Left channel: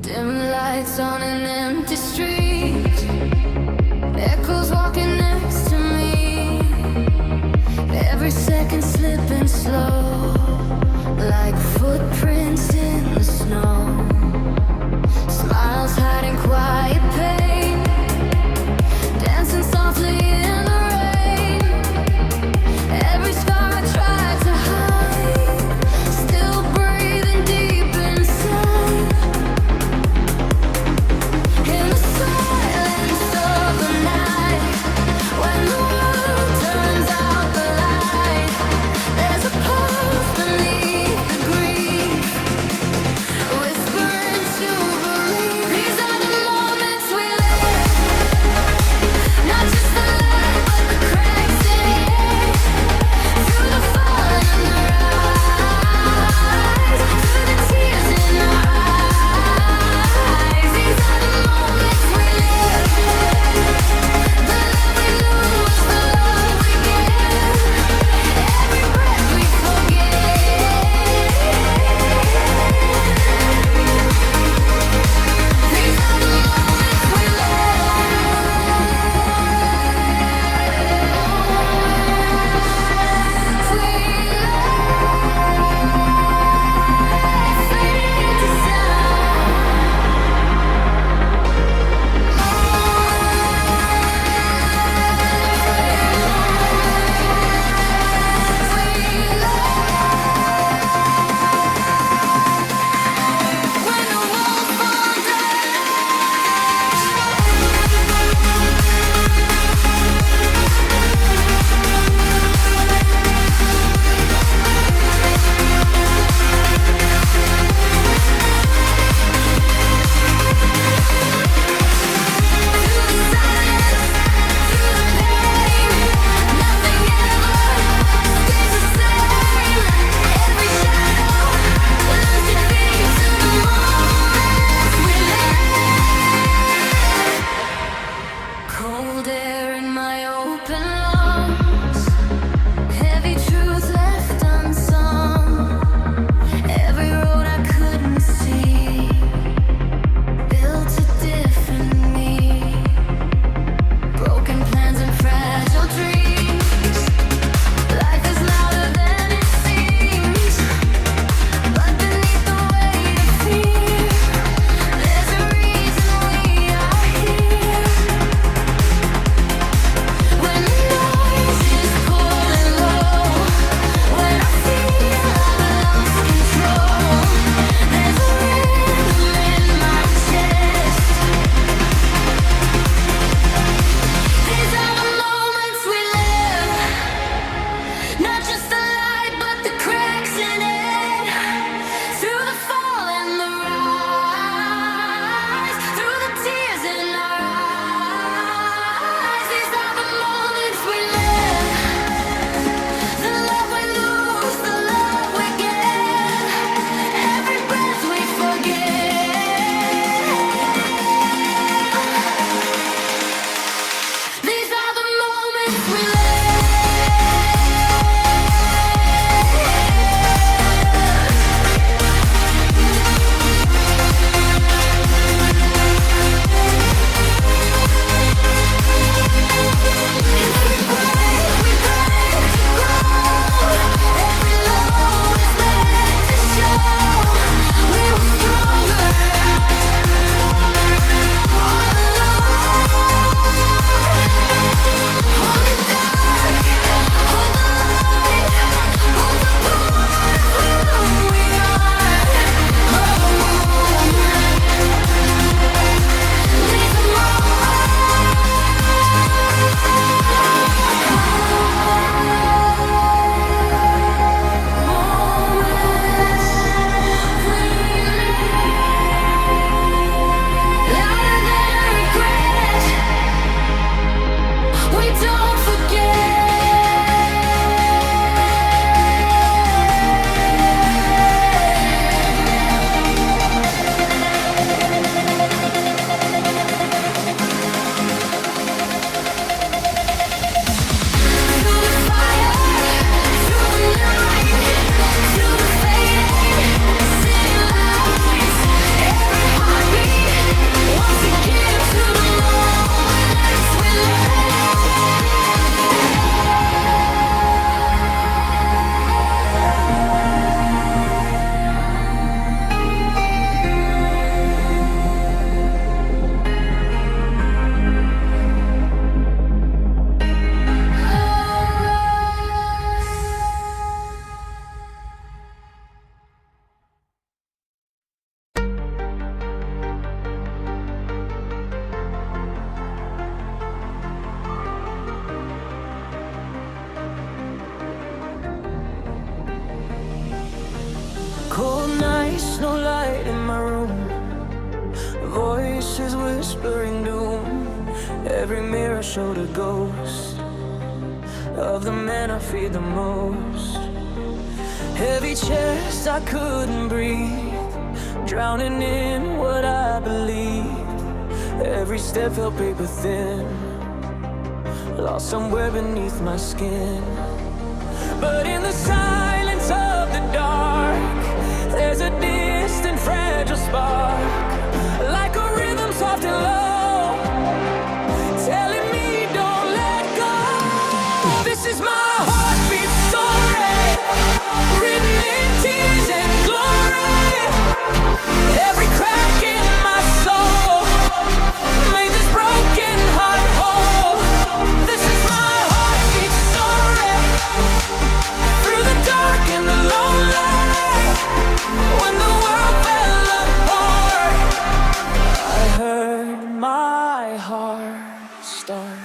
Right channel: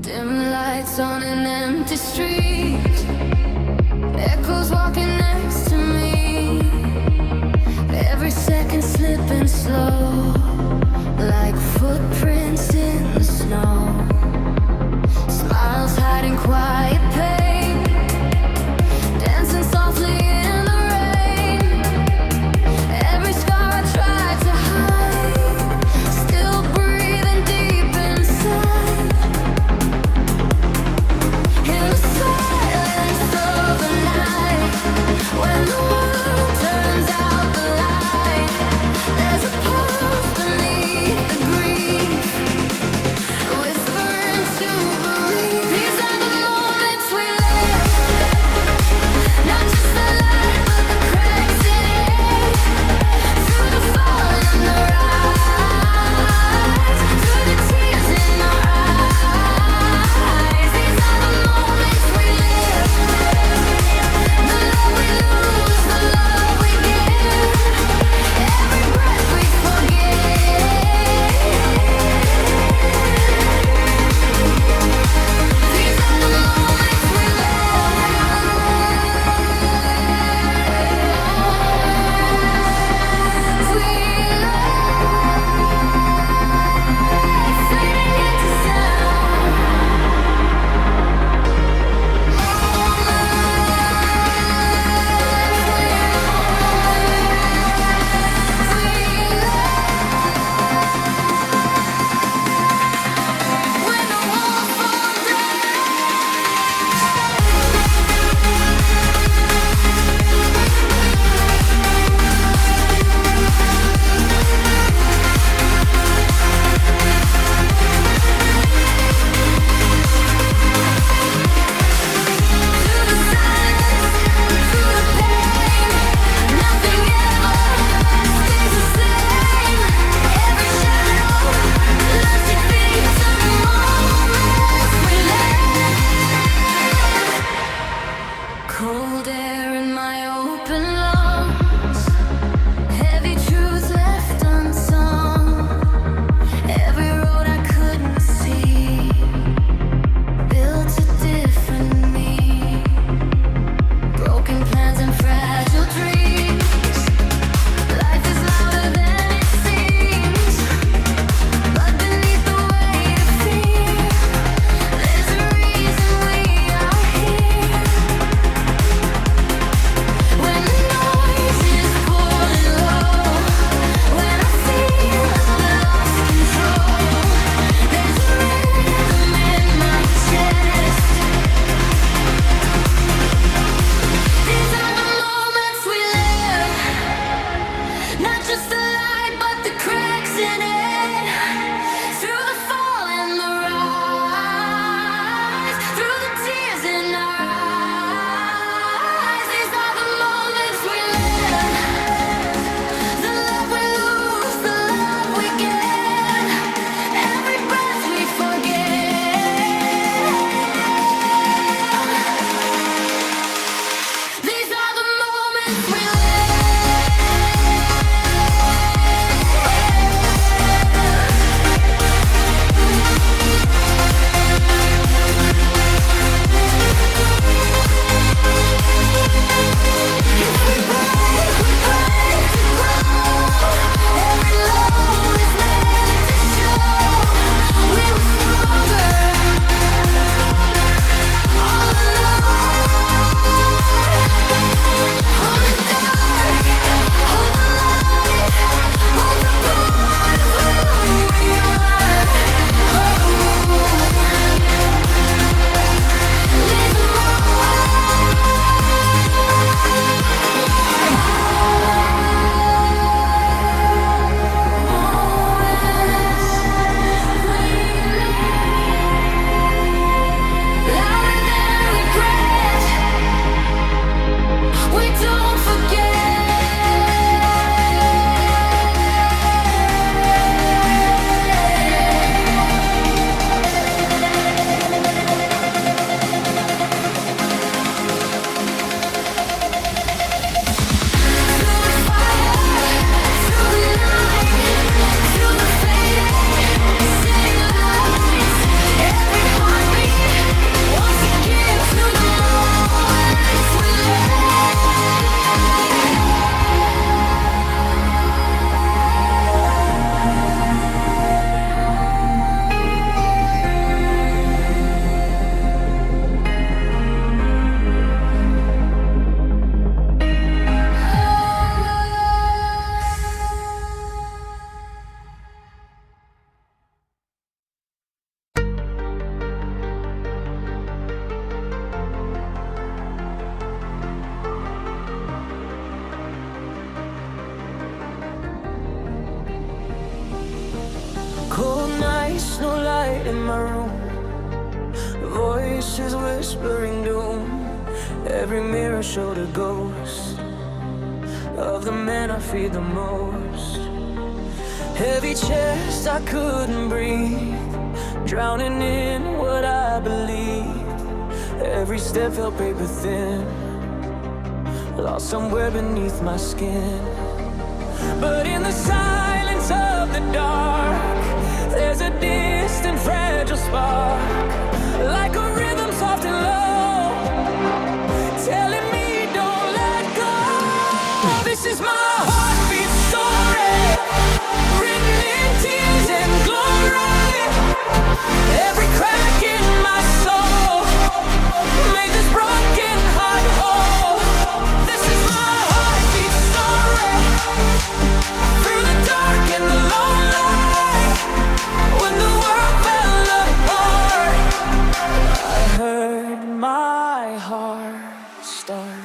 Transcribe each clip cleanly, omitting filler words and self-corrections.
Dim lights on an empty street, echoes walking next to me. Every second slipping slow, like footprints in the snow. Smiles hiding quiet pain, dancing softly in the rain. Every scar I tried to hide, still breathing deep inside. In the silence of the night, when the world turns out the light, there's a pulse beneath the grief. nights, no light in my room. Voices whispering doom. Every mirror showed a ghost of the man I feared the most. Heavy chest, I couldn't breathe, drowning in what I believed. Every step felt paper thin, lost somewhere beneath my skin. But in the silence of the dark, there's a distant fragile spark, like a rhythm soft and low, telling me don't let go. This is my heartbeat story, written in tears and glory. Every crack in my soul made this broken heart whole. This is my heartbeat story, through the dark and the lone light. When the world fell apart, I heard my heart start.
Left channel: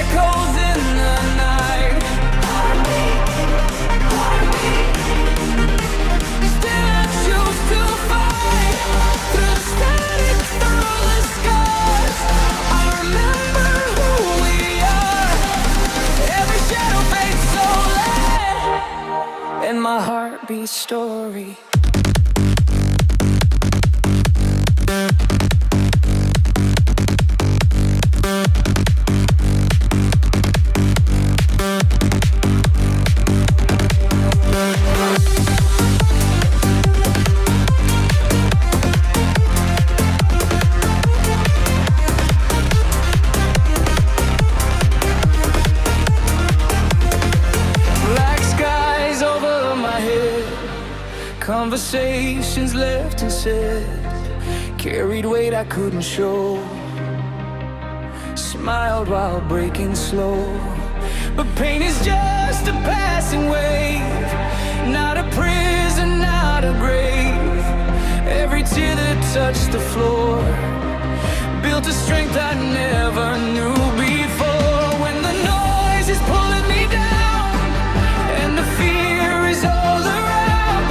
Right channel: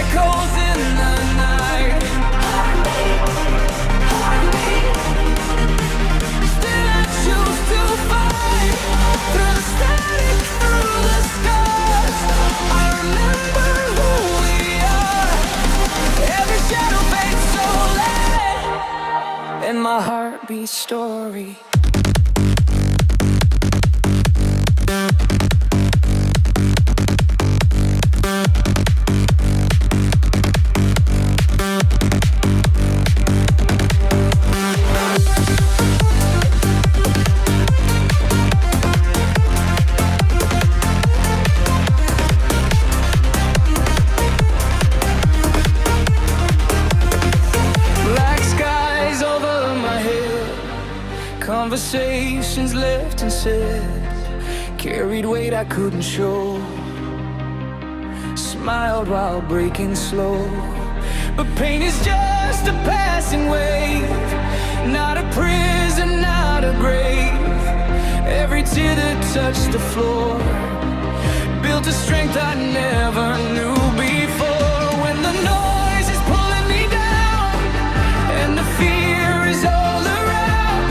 Echoes in the night, still I choose to fight, through the static, through the scars. I remember who we are. Every shadow fades slowly, and my heartbeat story. Black skies over my head, conversations left unsaid, carried weight I couldn't show, smiled while breaking slow. But pain is just a passing wave, not a prison, not a grave. Every tear that touched the floor built a strength I never knew before. When the noise is pulling me down and the fear is all around,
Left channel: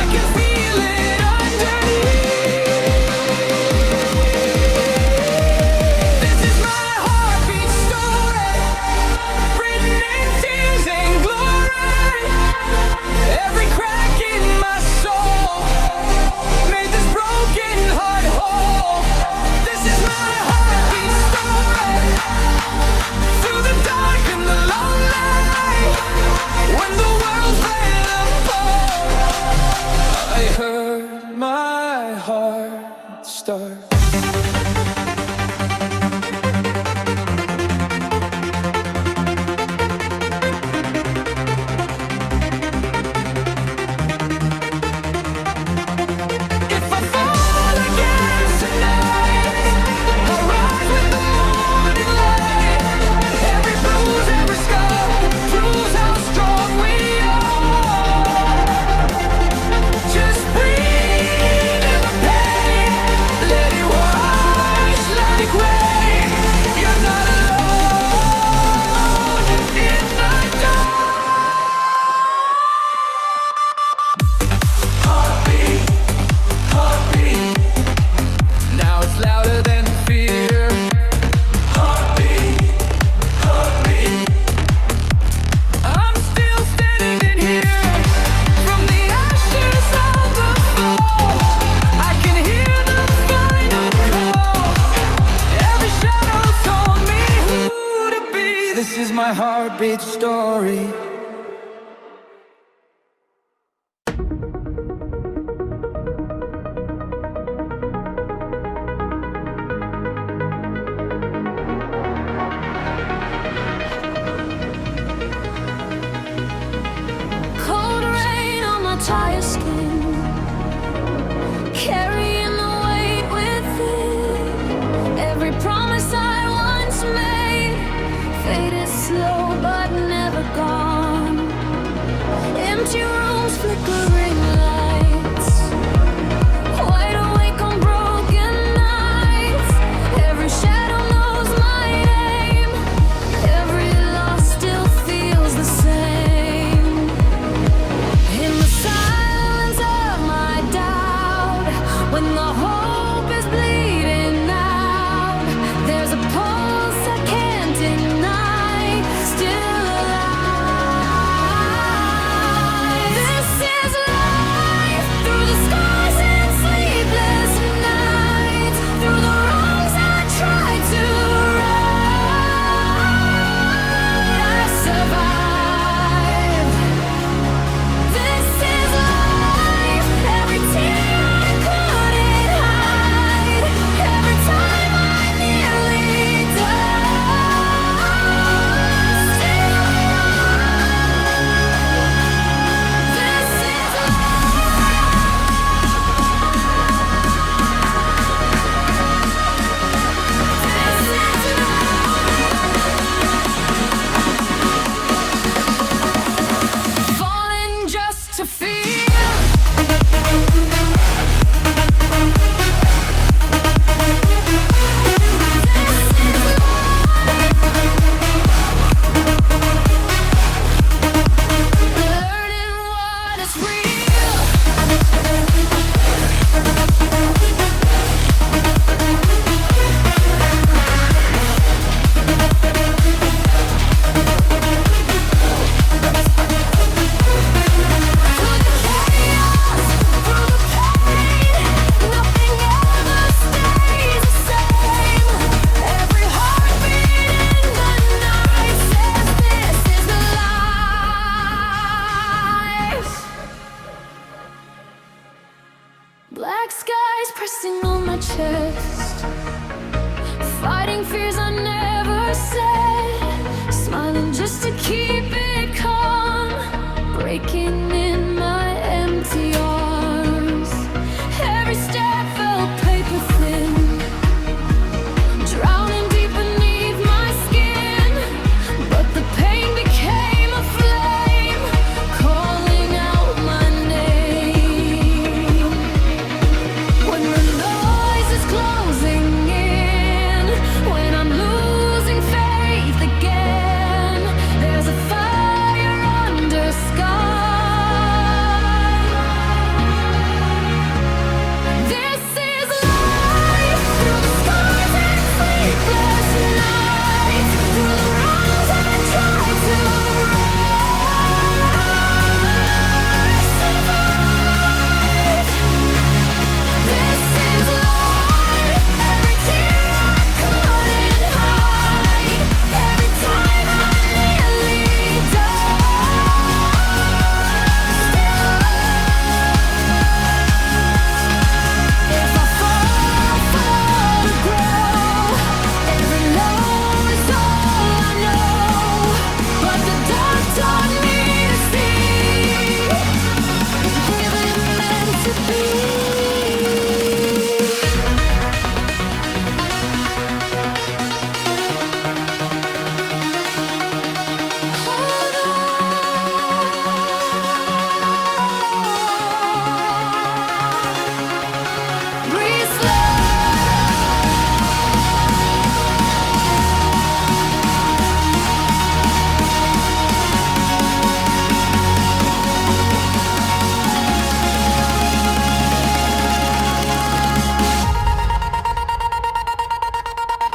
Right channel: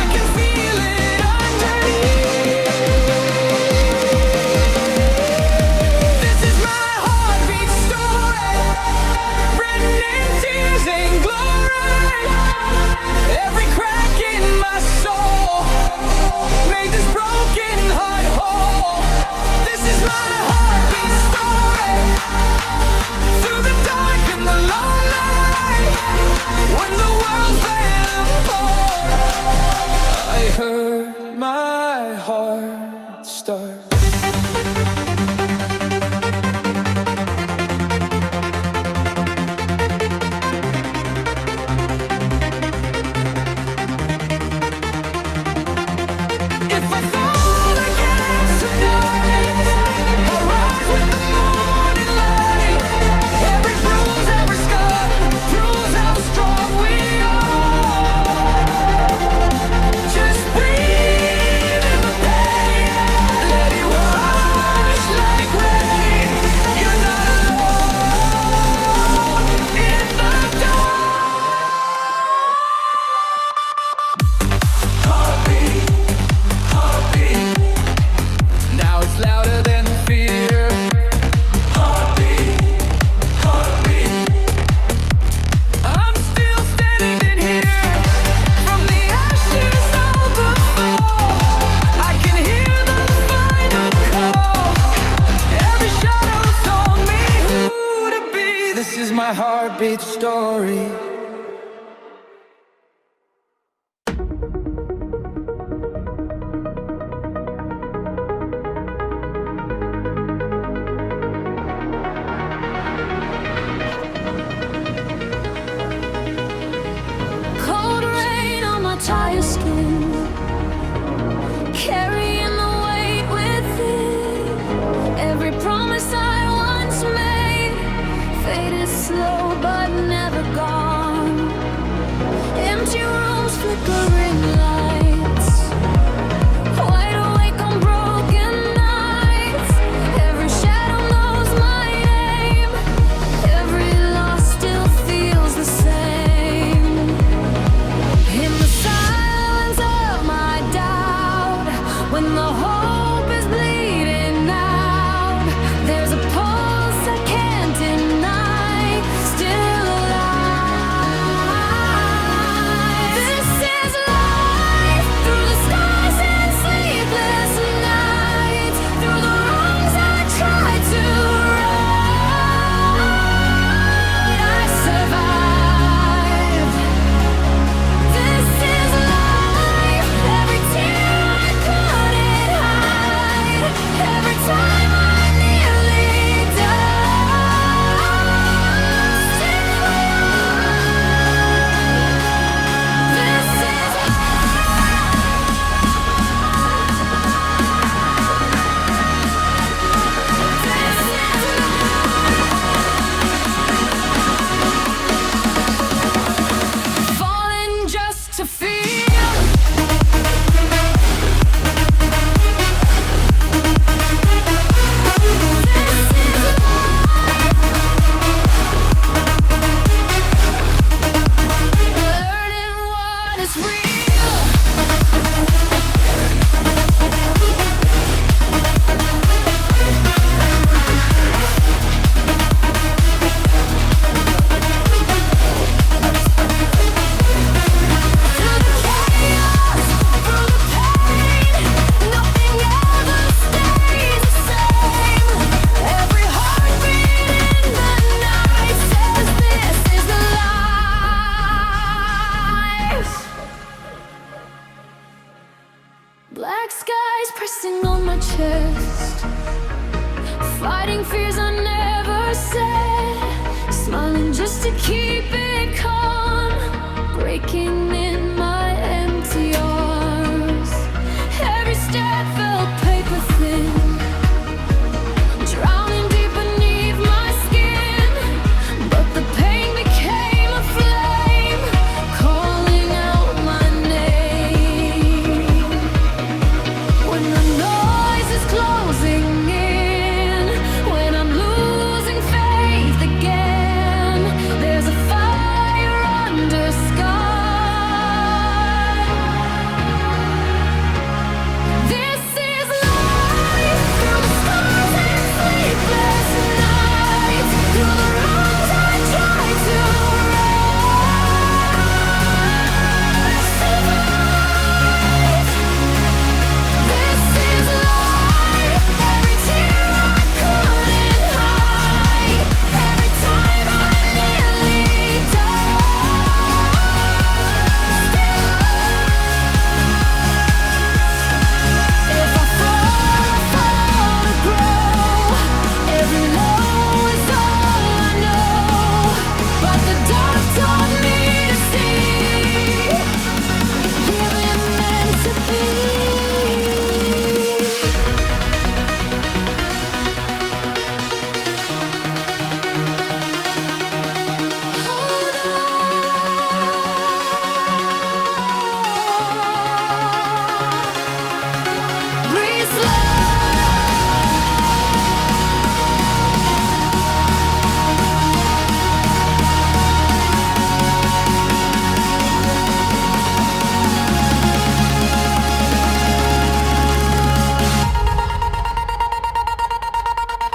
I can feel it underneath. This is my heartbeat story, written in tears and glory. Every crack in my soul made this broken heart whole. This is my heartbeat story, through the dark and the lone light. When the world fell apart, I heard my heart start. If I fall again tonight, I'll rise with the morning light. Every bruise, every scar proves how strong we are. Just breathe in the pain, let it wash like rain. You're not alone in the dark. Heartbeat, heartbeat. Now it's louder than fear. Heartbeat, heartbeat. I'm still standing here, from the ashes of the fall. I can hear the final call. Every shadow told me who to be. This is my heartbeat story. Cold rain on my tired skin, carrying the weight within. Every promise I once made faded slow but never gone. when the hope is bleeding out. There's a pulse I can't deny, still alive. This is life, through the skies and sleepless nights, through the wrongs I tried to right, I survived. This is life, every tear I couldn't hide, every time I nearly died, still alive. This is falling just to feel. Learning what is real. Through the chaos, through the pain, nothing ever stays the same. Every heartbeat in the night says this is life. Black skies pressing on my chest, fighting fears I never said, smiling just to keep it calm, breaking in my empty arms. Every step felt paper thin, drowning deep beneath my skin. But the pain became a flame, calling out my name. When the noise is closing in, when I'm losing faith again, there's a fire under sky. This is life, through the skies and sleepless nights, through the wrongs I tried to right, I survived. This is life, every tear I couldn't hide, every time I nearly died, still alive. If I fall to grow, every low is all I know. But the dark taught me to see, here it meant to be. Hold on. Breathe slow.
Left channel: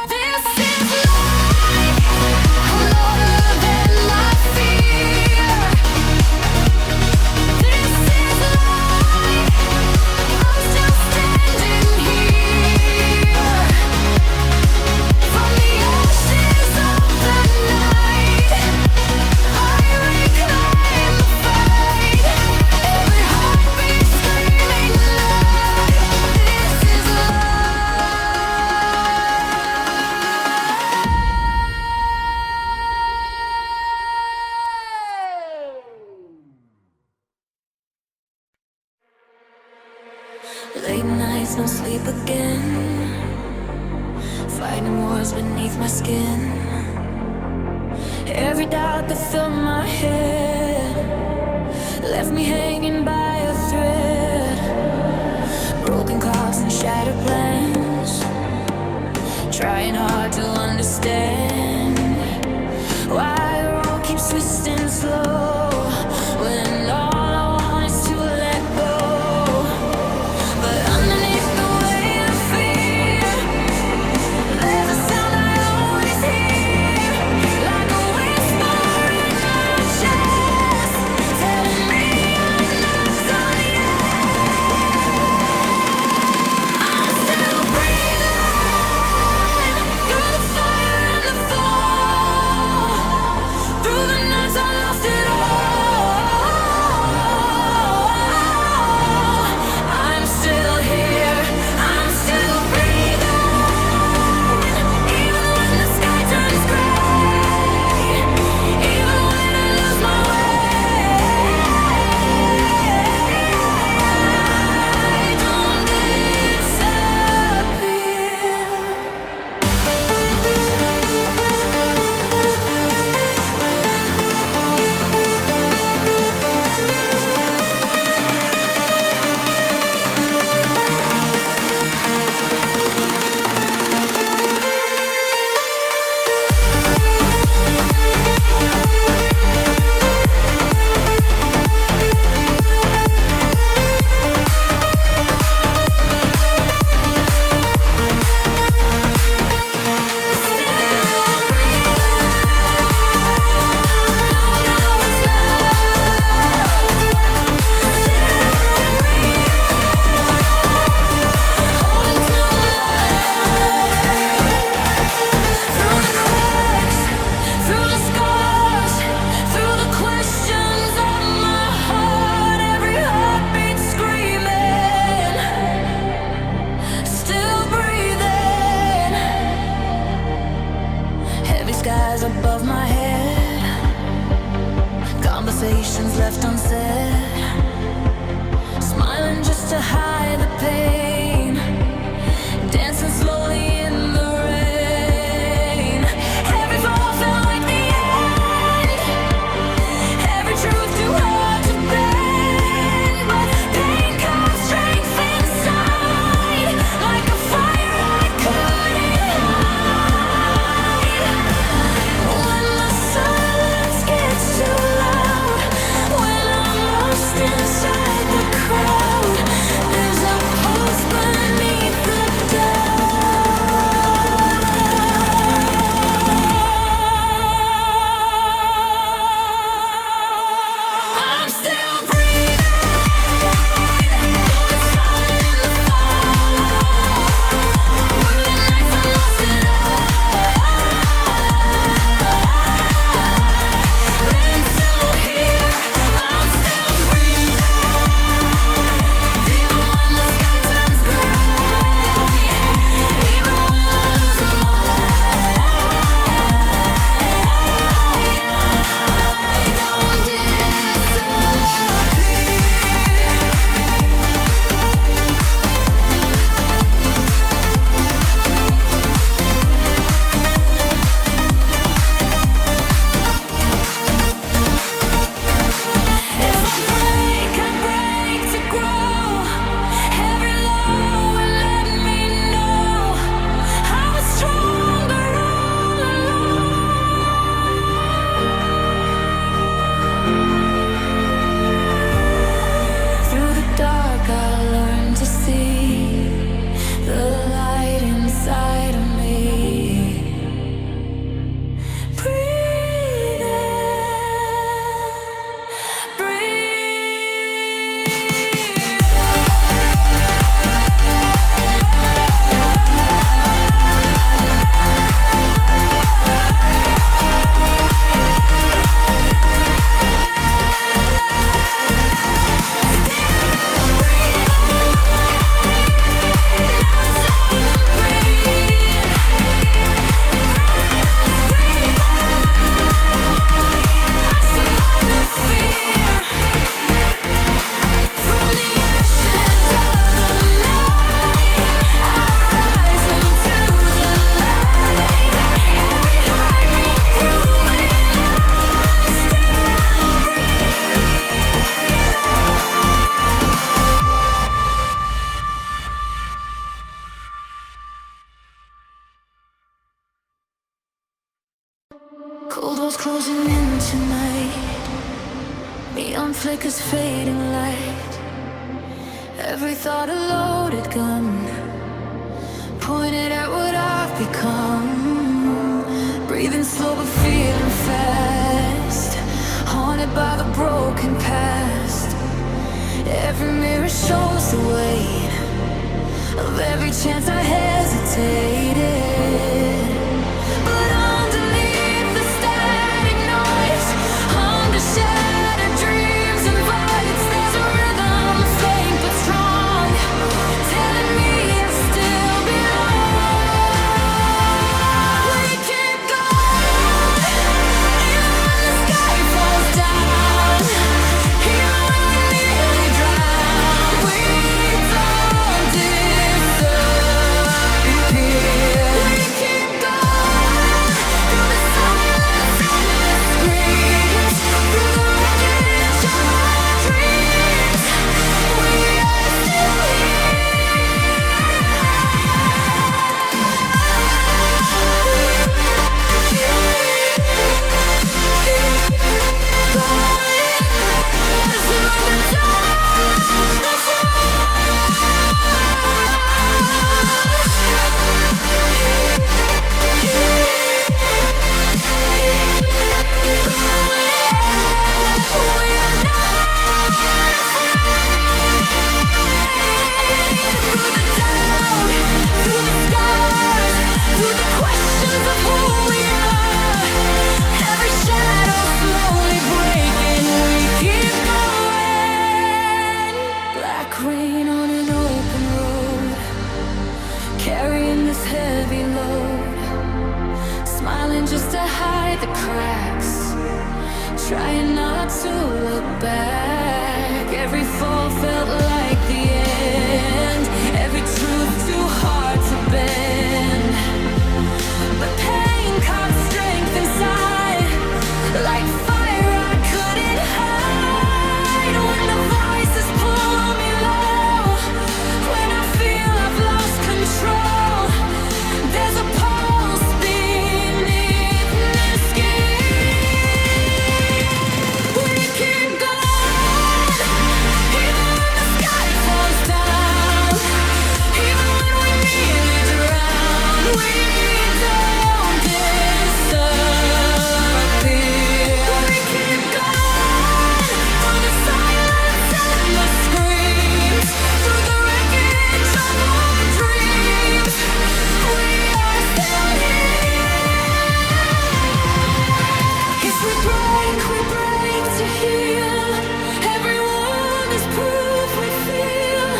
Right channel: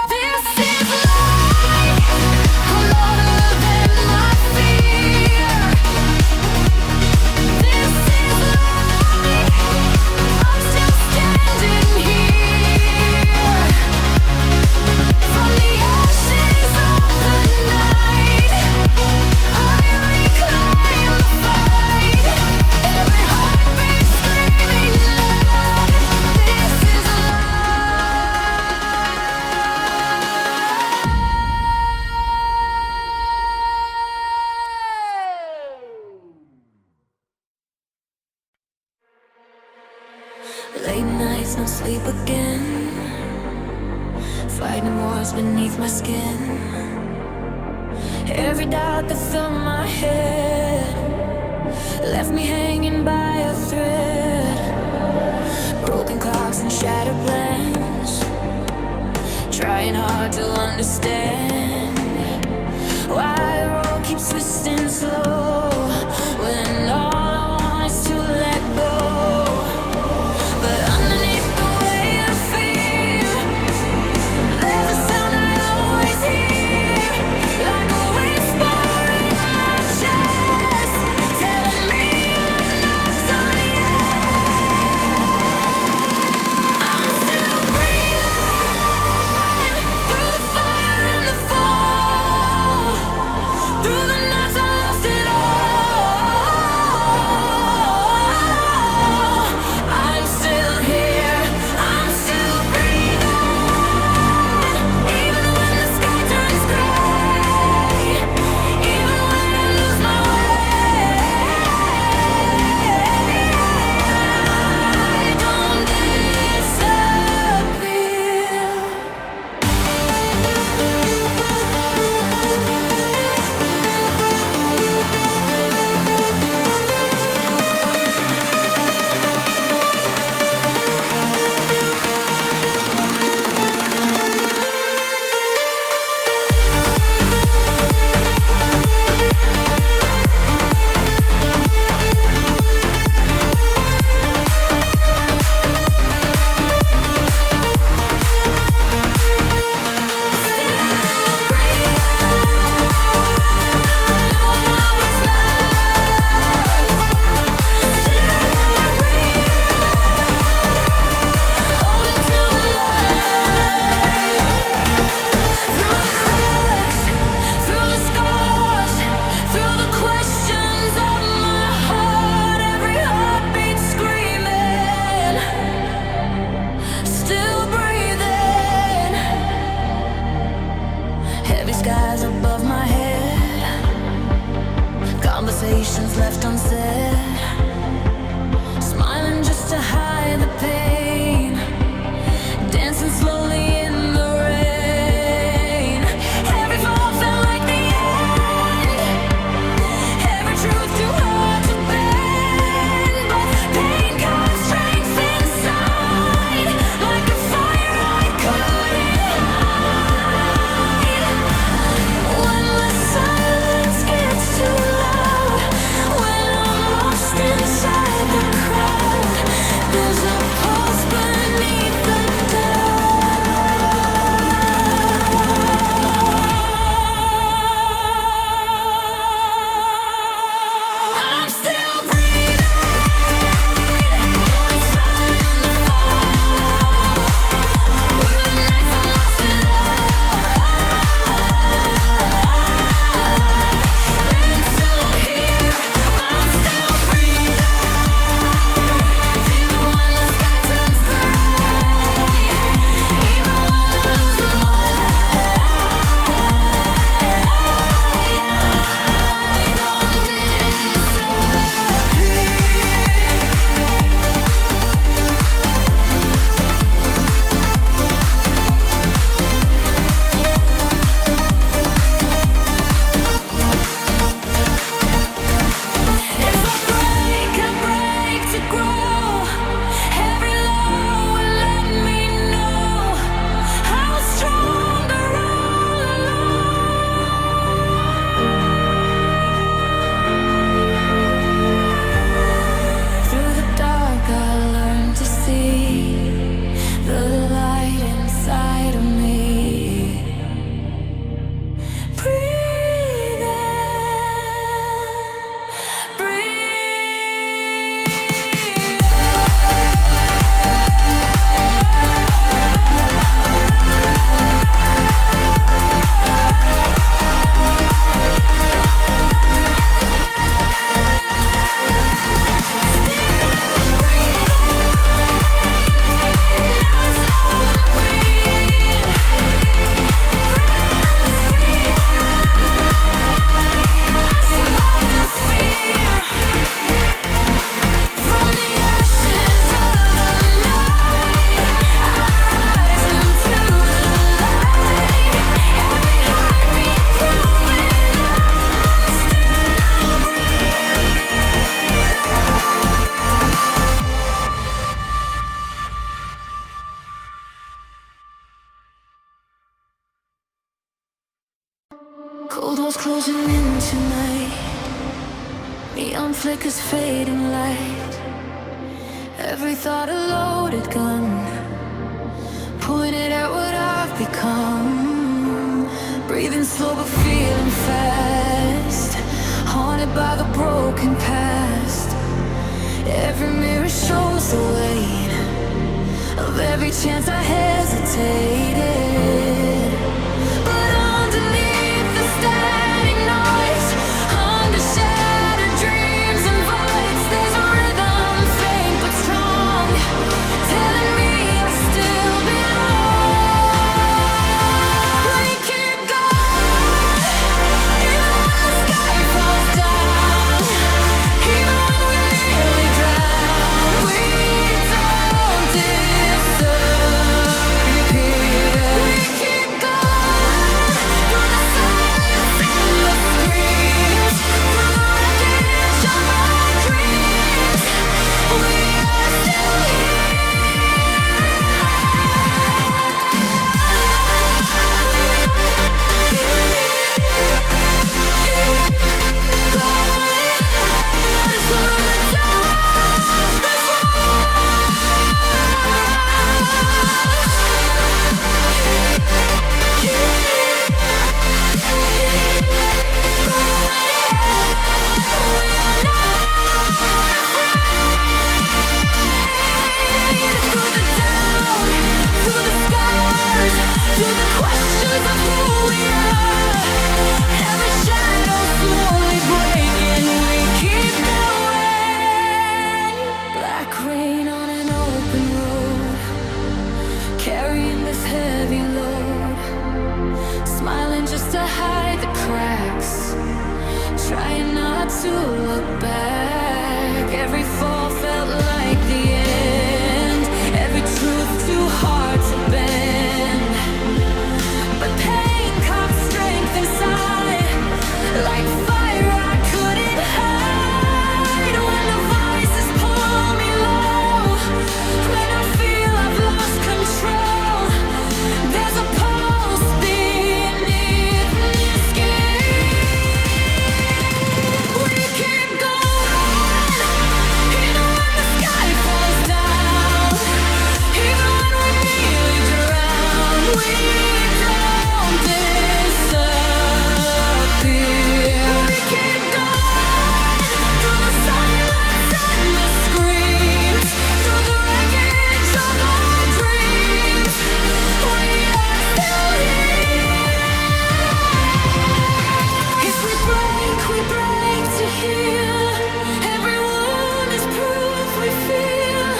This is life, louder than my fear. This is life, I'm still standing here. From the ashes of the night, I reclaim the fight. Every heartbeat screaming loud. This is life. Late nights, no sleep again, fighting wars beneath my skin. Every doubt that filled my head left me hanging by a thread. Broken clocks and shattered plans, trying hard to understand why the road keeps twisting slow when all I want is to let go. But underneath the emotions left unsaid, smiling just to hide the pain, dancing slowly in the rain. Every fall felt like the end, every truth too hard to bend, but pain carved strength inside, like a fire I couldn't hide. When the silence gets too loud, when I'm lost inside the crowd, there's a pulse beneath the doubt. I'm still breathing through the sun and the fall, where the nights I lost it all. And so here I'm still breathing, even when the sky turns gray, even when I lose my way. I don't disappear. If I break to grow. Every low will let me know I was stronger all along. Through the dark, I learned to see the light inside of me. Breathe in, breathe. Cold walls closing in tonight, neon flickers fading light. Every thought a loaded gun, pointed at what I've become. Breathing slow but feeling fast, haunted by the broken past. Every mirror shows the weight of every chance I hesitated. But underneath the static noise, under shattered dreams and voids, there's a rhythm faint but strong, telling me I still belong. We keep going, even when the sky falls down, even when we nearly drown. We don't disappear. We keep going through the silence and the screams, through the wreckage of our dreams. We are still through the questions of who we are, every shadow slowly breaking, we keep going. Black rain on an open road, carrying this heavy load, smiling just to hide the cracks, trying not to look back. Every fall felt like the end, every truth too hard to bend. But pain caught strength inside, like fire I couldn't hide. When the voices pull me low, when I feel I've lost control, there's a pulse beneath the skin. We keep going, even when the sky falls down, even when we nearly drown. We don't disappear. We keep going through the silence and the screams, through the wreckage of our dreams. We are still here. If we break to heal. Every wound is proof we feel.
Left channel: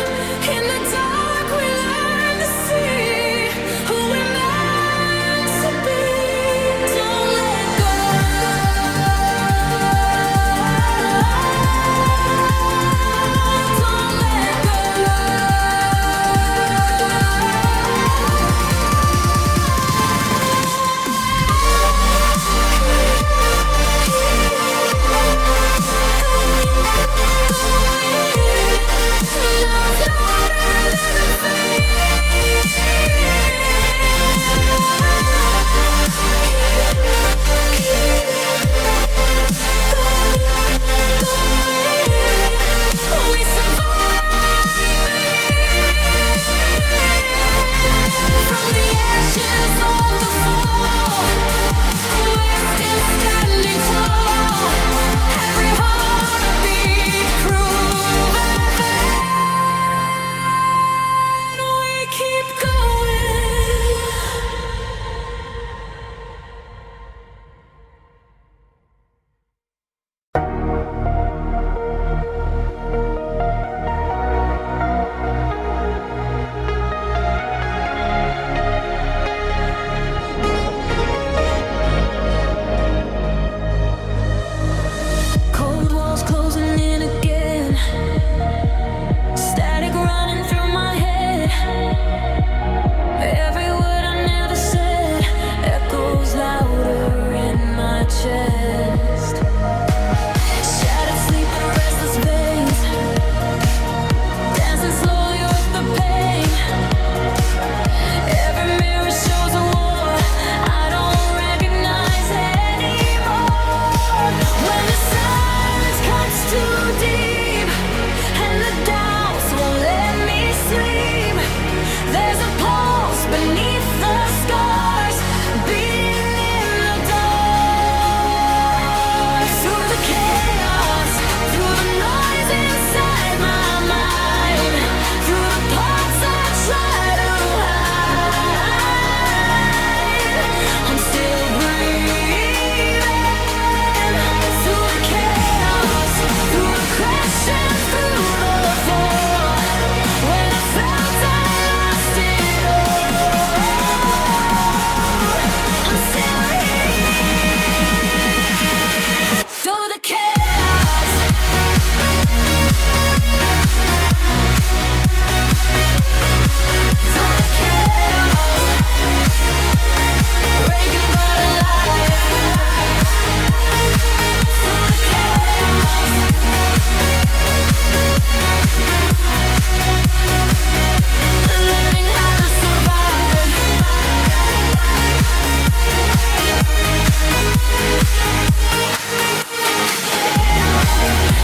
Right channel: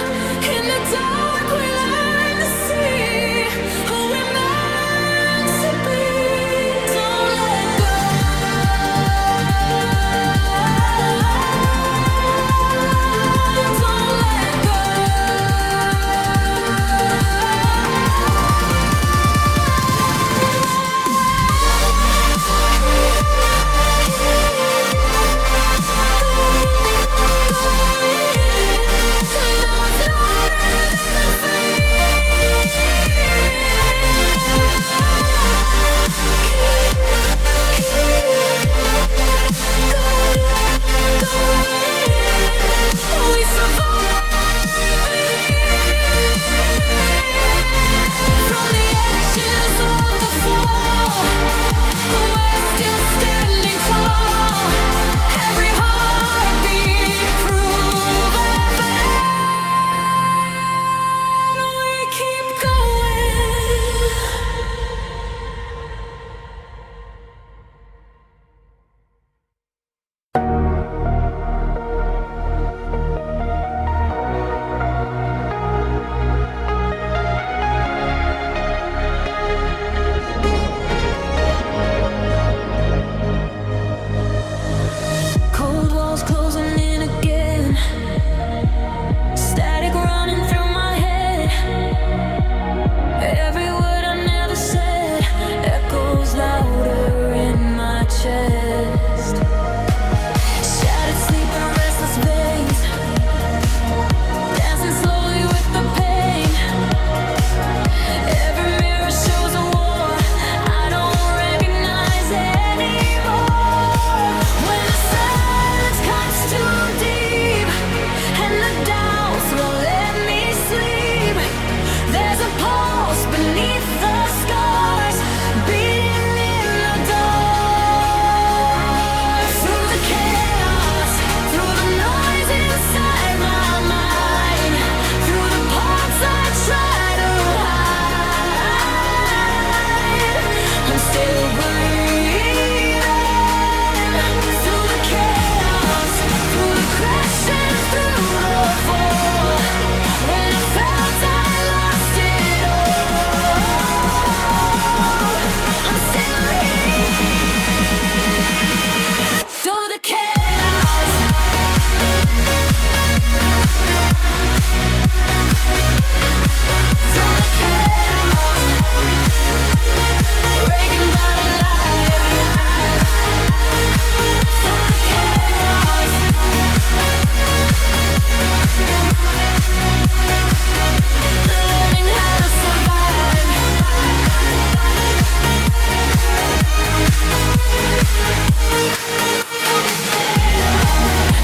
In the dark we learn to see who we're meant to be. Don't let go. Don't let go. Now it's louder than the fear. We survived the year. From the ashes of the fall, we're still standing tall. Every heartbeat proven that we keep going. Cold walls closing in again, static running through my head. Every word I never said echoes louder in my chest. Shattered sleep and restless veins, dancing slowly with the pain. Every mirror shows a war I don't recognize anymore. When the silence cuts too deep and the doubts won't let me sleep, there's a pulse beneath the scars, beating in the dark. Through the chaos, through the noise inside my mind, through the parts I try to hide, I'm still breathing. Through the chaos, through the crash and through the fall, when I felt I lost it all, I'm still here. Through the chaos, through the chaos, breaking but alive. Through the chaos, learning how to survive.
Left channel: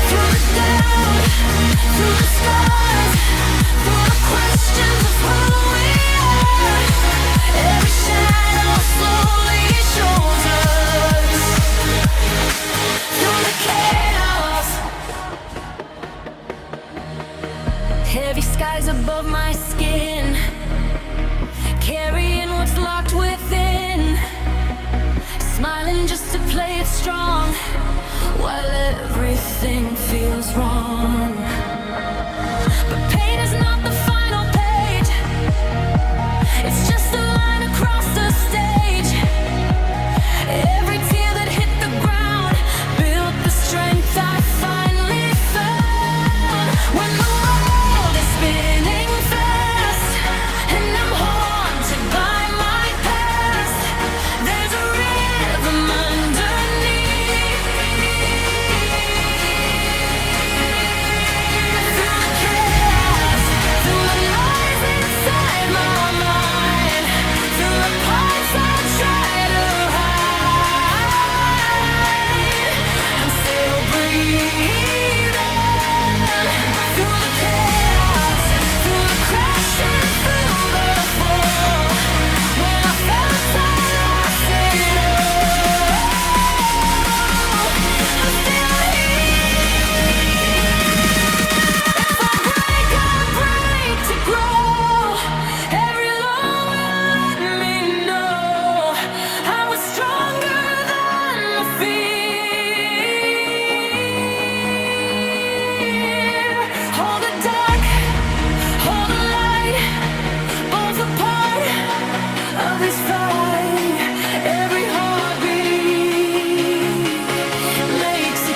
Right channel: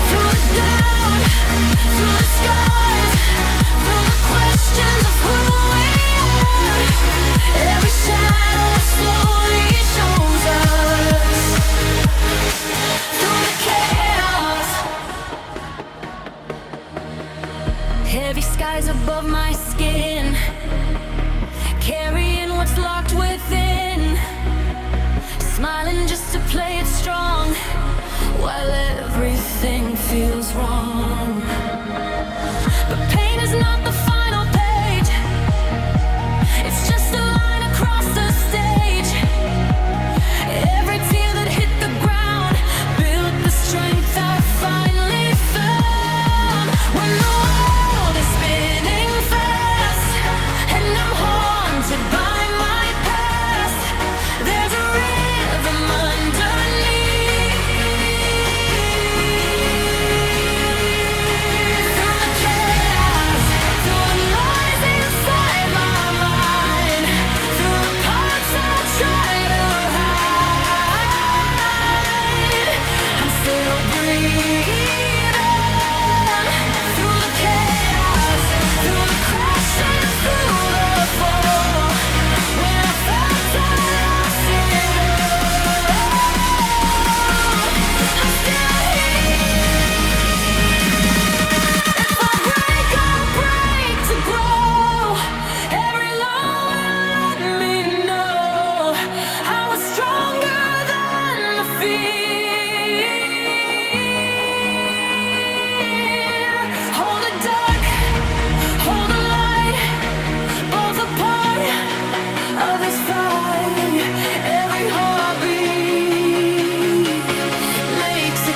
Through the doubt, through the scars, through the questions of who we are, every shadow slowly shows us. Through the chaos, heavy skies above my skin, carrying what's locked within, smiling just to play it strong while everything feels wrong. But pain is not the final page, it's just a line across the stage. Every tear that hit the ground built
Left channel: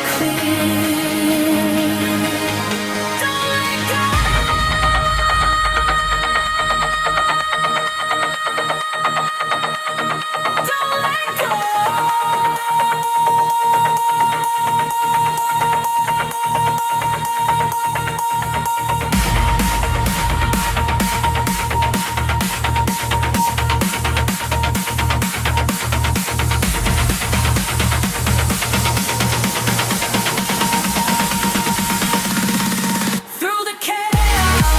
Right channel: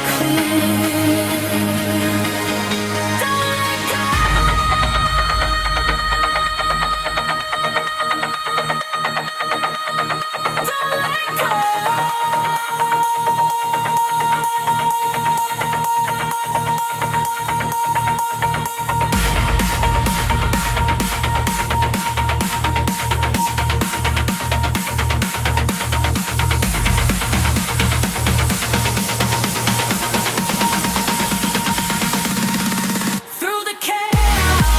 clear. Don't let go. Don't let go. Through the chaos,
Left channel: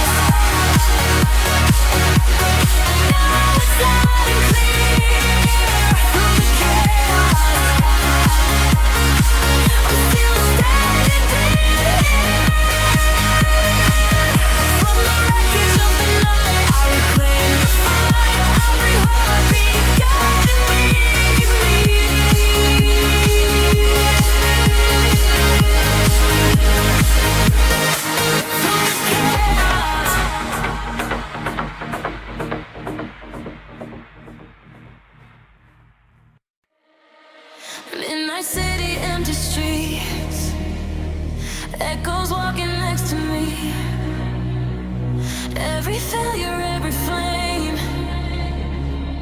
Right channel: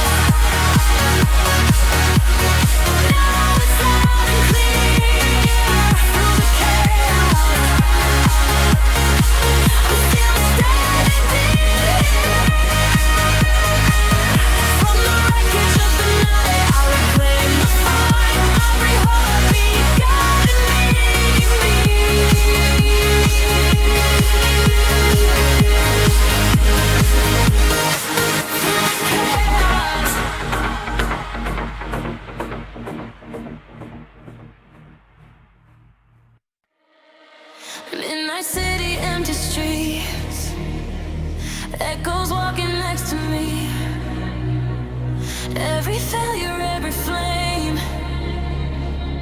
now it's loud and clear. Through the chaos, I'm still standing here. From the wreckage of the night, I reclaim the fight. Every heartbeat guiding me. Through the chaos. Midnight city, empty streets, echoes walking next to me. Every failure, every flame,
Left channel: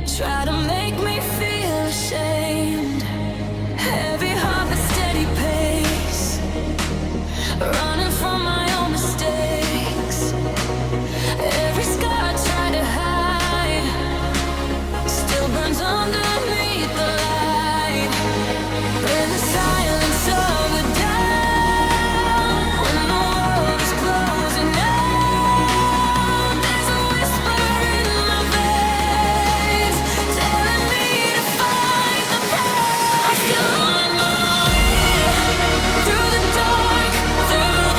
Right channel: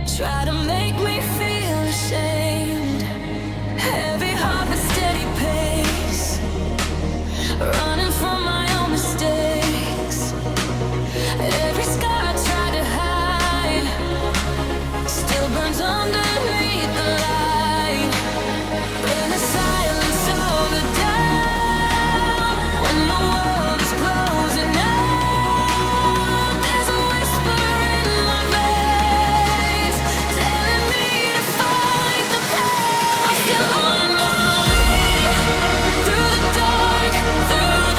try to make me feel ashamed. Heavy heart but steady pace, running from my own mistakes. Every scar I try to hide still burns underneath the light. In the silence of the doubt, when the world is closing out, there's a whisper in my veins telling me to fight the pain. I'm still on my way through the dark, through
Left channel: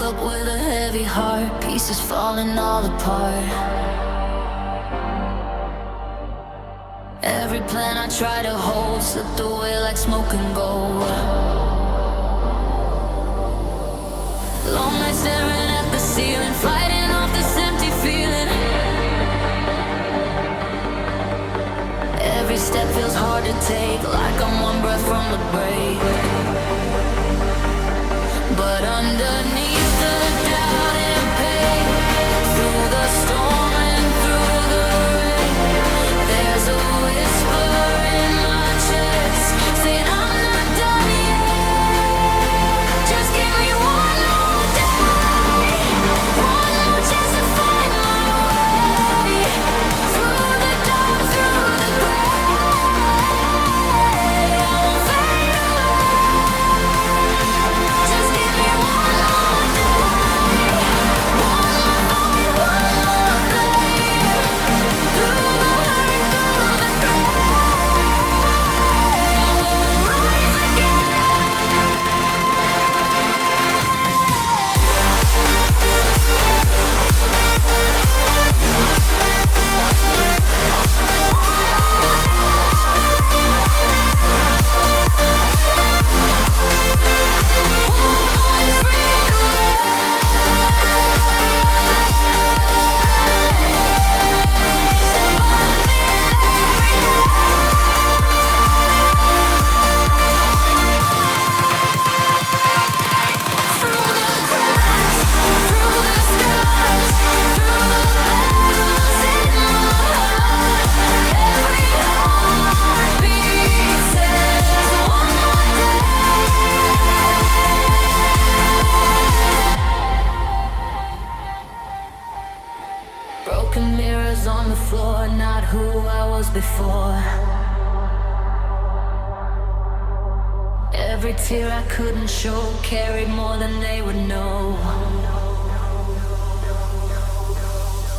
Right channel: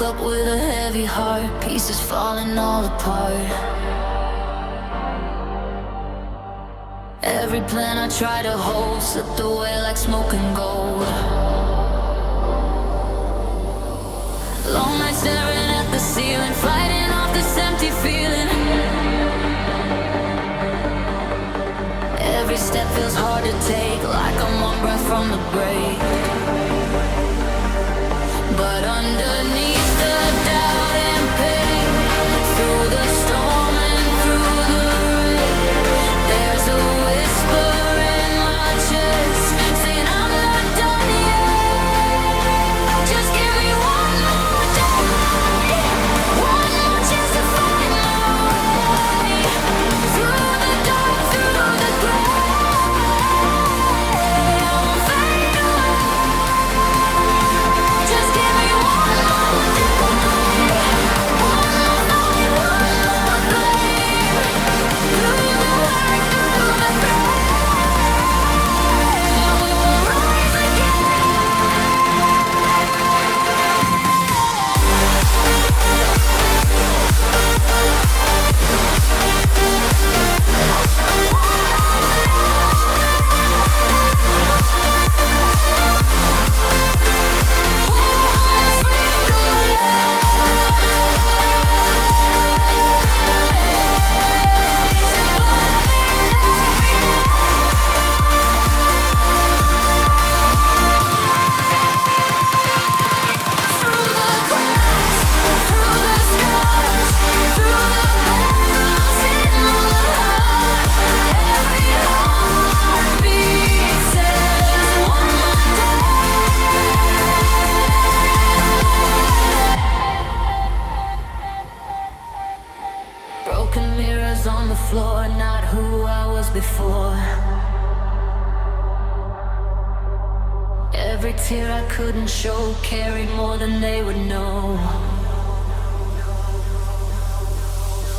woke up with a heavy heart, pieces falling all apart. Every plan I tried to hold slipped away like smoke and gold. Long nights staring at the ceiling, fighting off this empty feeling. Every step feels hard to take, like I'm one breath from the break. But underneath the doubt and pain, through the storm and through the rain, there's a whisper in my chest saying I'm not done yet. Just give me one more day, one more chance to find my way through the dark, through the gray. I won't fade away. Just give me one more day, one more fight, one more flame. Through the hurt, through the pain, we will rise again. Through the cracks, through the scars, through the battles in my heart, every heartbeat says one more day. Broken mirrors on the floor, not who I was before. Every tear I couldn't show carried more than they would know.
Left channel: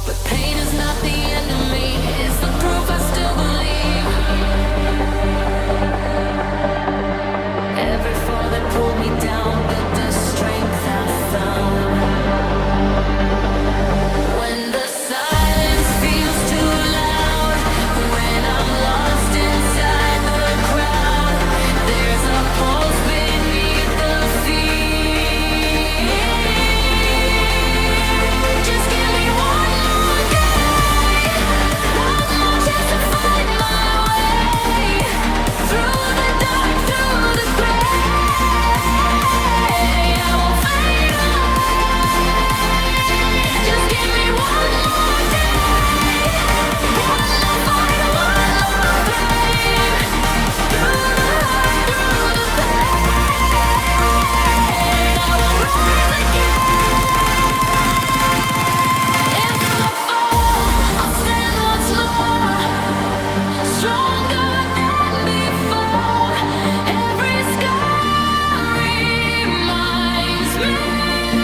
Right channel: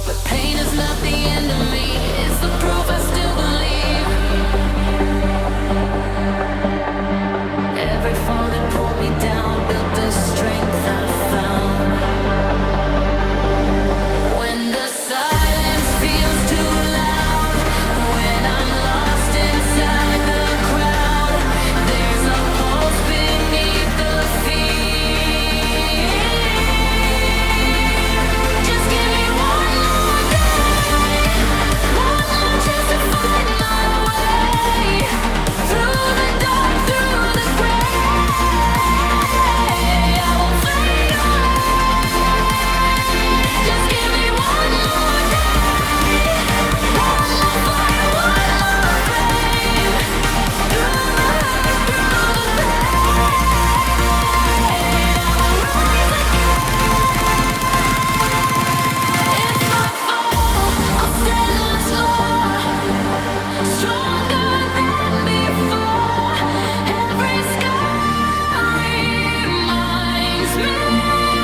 But pain is not the end of me, it's the proof I still believe. Every fall that pulled me down built the strength I found. When the silence feels too loud, when I'm lost inside the crowd, there's a pulse beneath the fear. Just give me one more day, one more chance to find my way through the dark, through the gray. I won't fade away. Just give me one more day, one more fight, one more flame. Through the hurt, through the pain, I will rise again. If I fall, I'll stand once more, stronger than before. Every scar reminds me I'm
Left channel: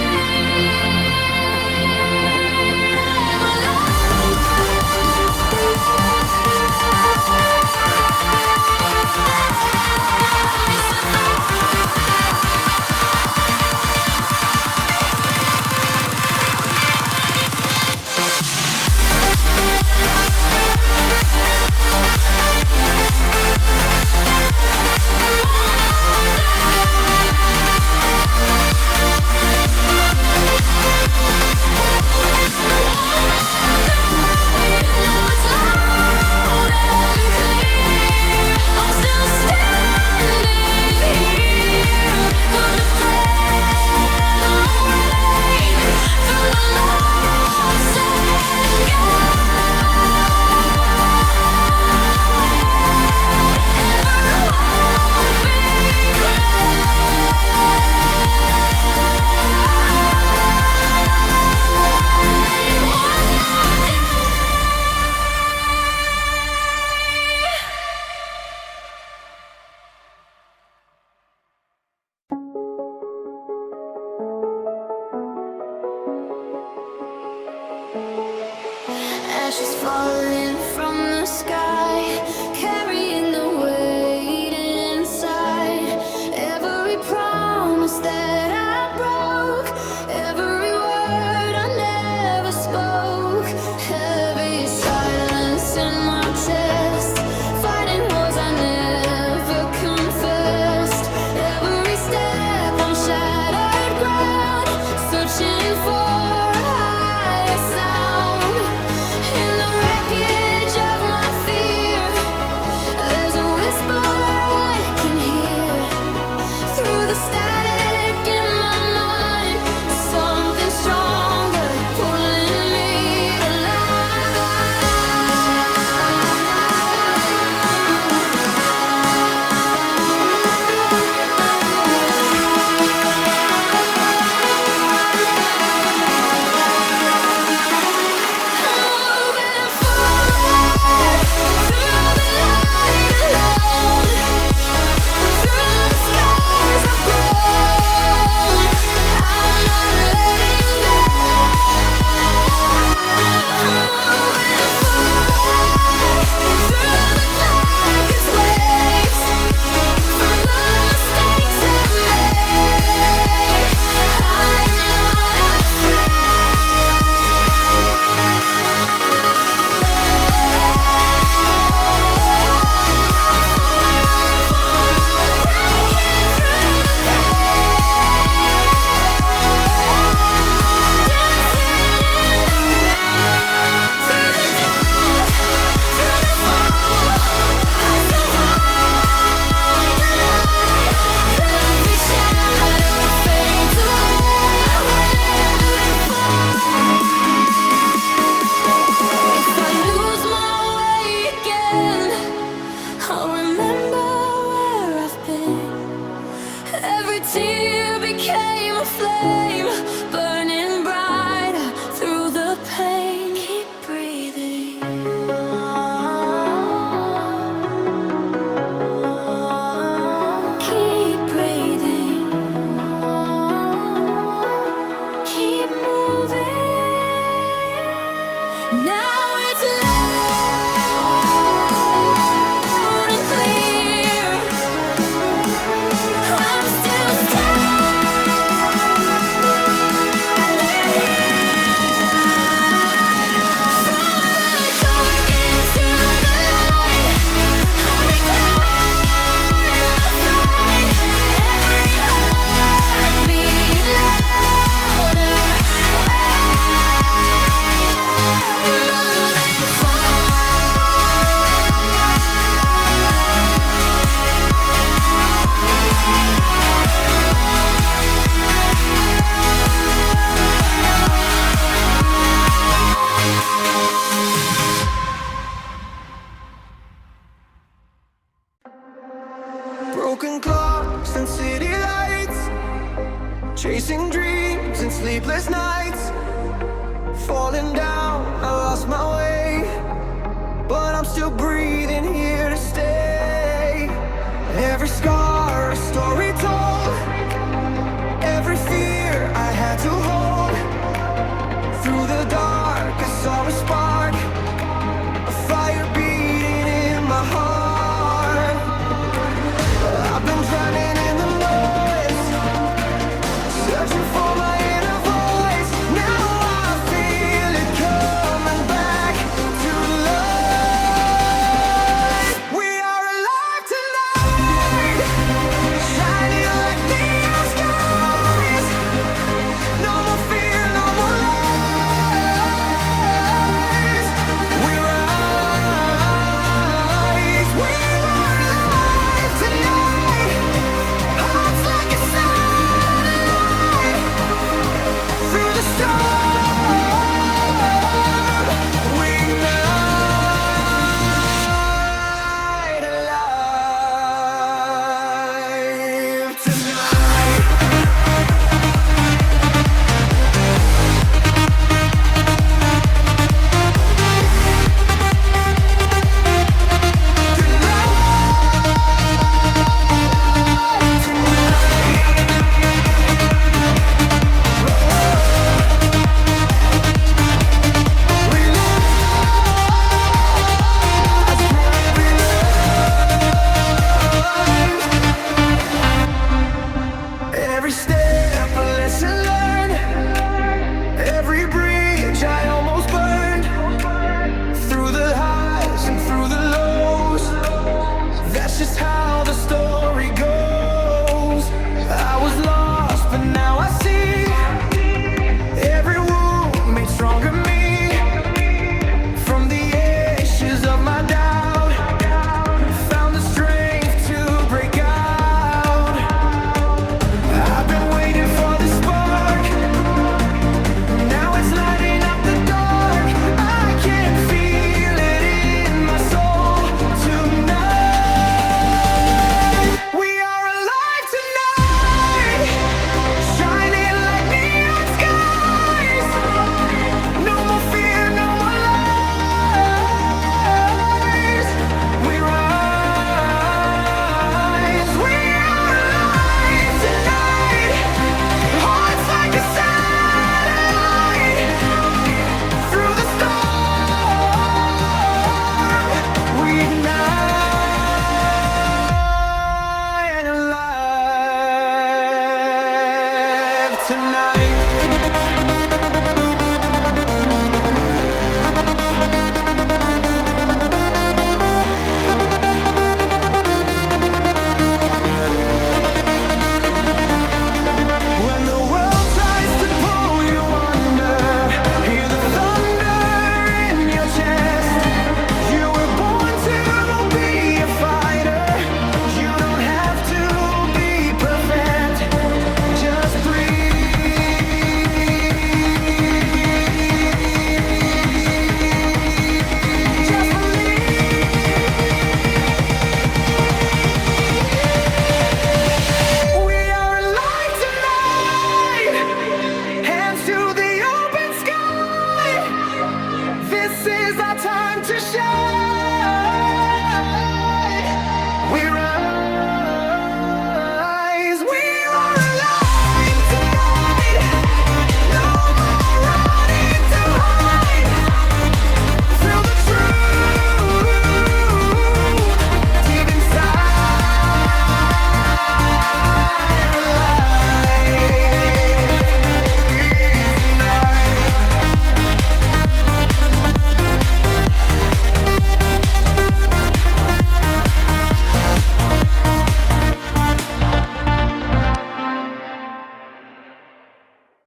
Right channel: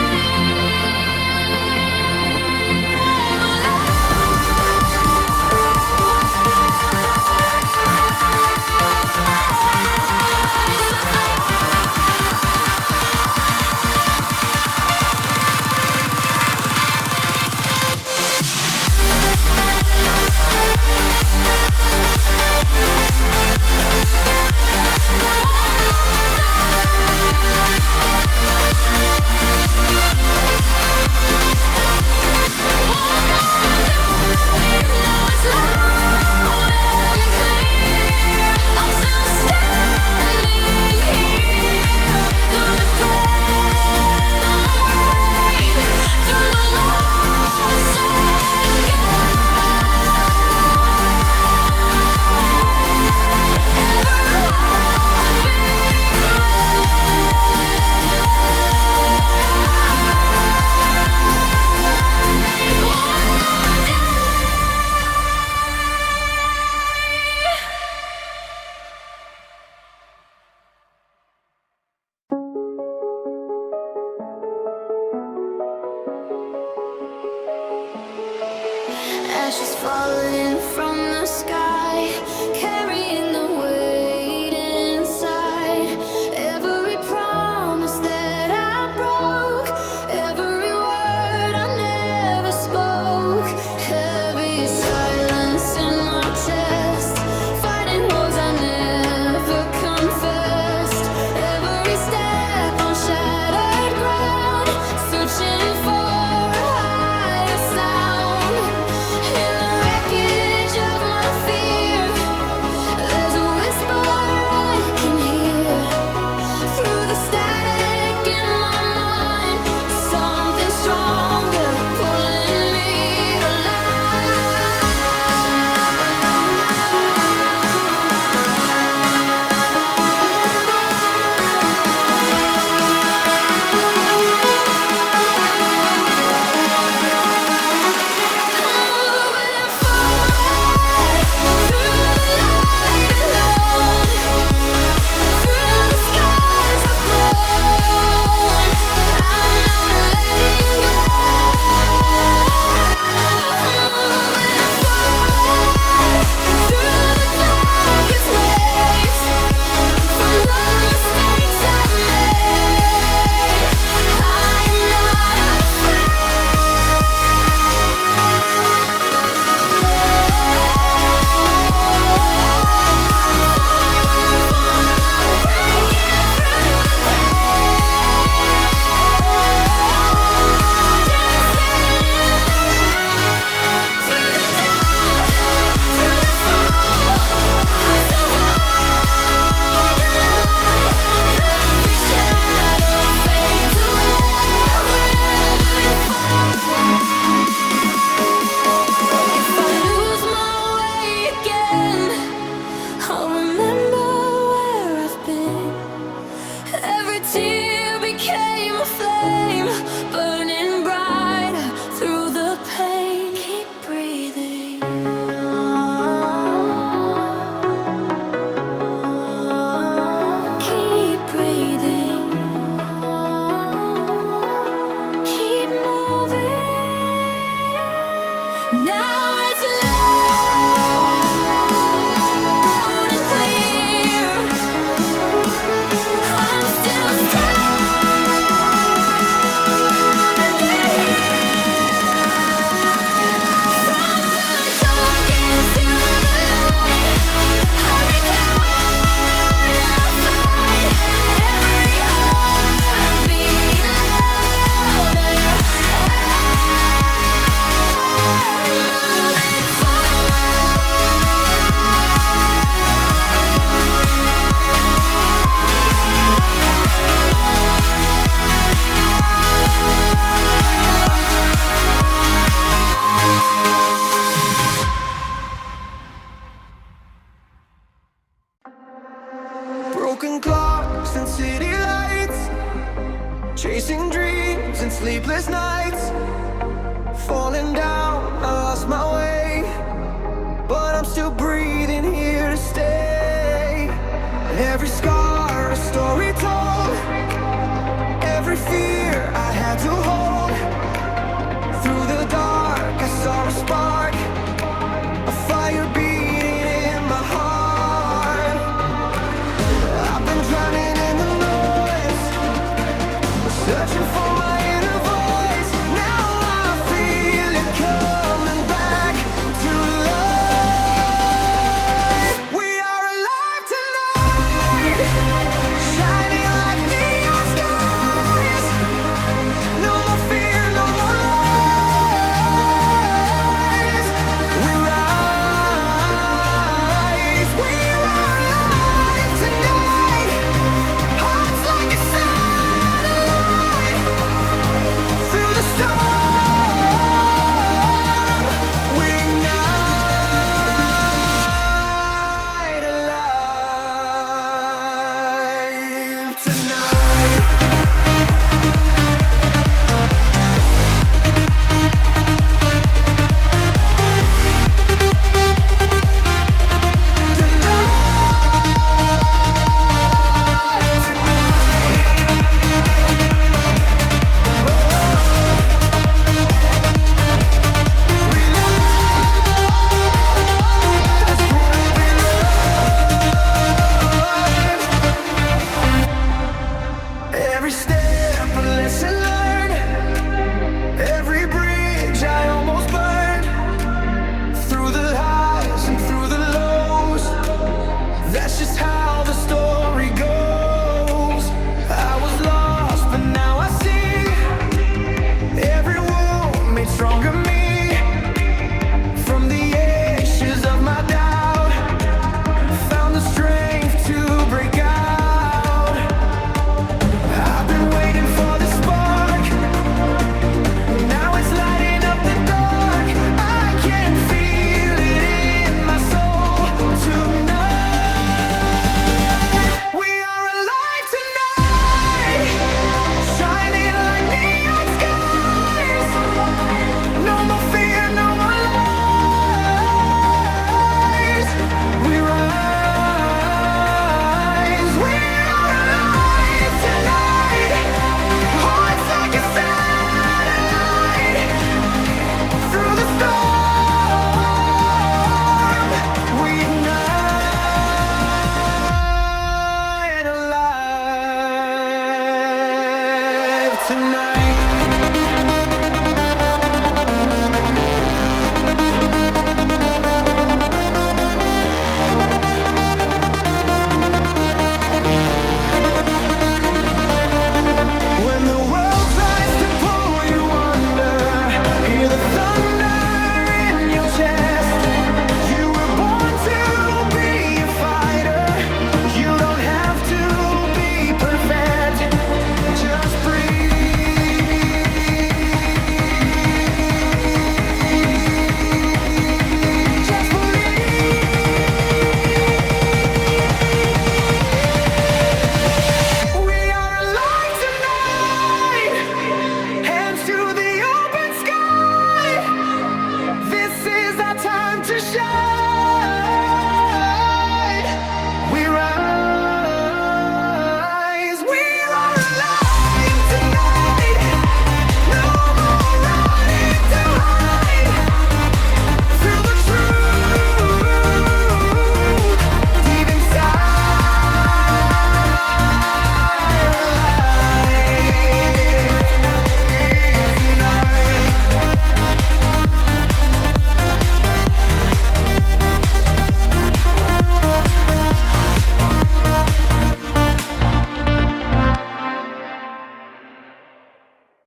ashes falling from the sky, carrying the weight inside. Every promise that I broke, every chasing dreams and sleepless nights, falling down, I lost my way, but I'm still breathing here to stay. Every scar, a story told, every fear I had to hold. Through the dark, I saw a spark, a fire beating in my heart. I've been drowning in the noise, searching for my inner voice. Now I feel it coming back to life. We are alive tonight, shining like neon skies. No more fear, no more lies. We rise, we are alive tonight. Hearts like a satellite. Through the storm, we ignite, alive tonight. Every step a lesson learned, every bridge I almost burned. Through the highs and through the lows, that's just how the story goes. I was lost, but now I see, every wound made stronger me. From the ashes of my doubt, found the strength to break out. I've been waiting for the spark, now it's lighting up the dark. I can feel it in my soul tonight. We are alive tonight, shining like neon skies. No more fear, no more lies. We rise, we are alive tonight. Hearts like a satellite. Through the storm, we ignite, alive tonight. When the world tries to pull you under, hear the thunder in your chest. You were born to be a fighter. You don't have to be perfect, just breathe. Just believe. We are alive tonight, hands to the open sky. This is our time to shine.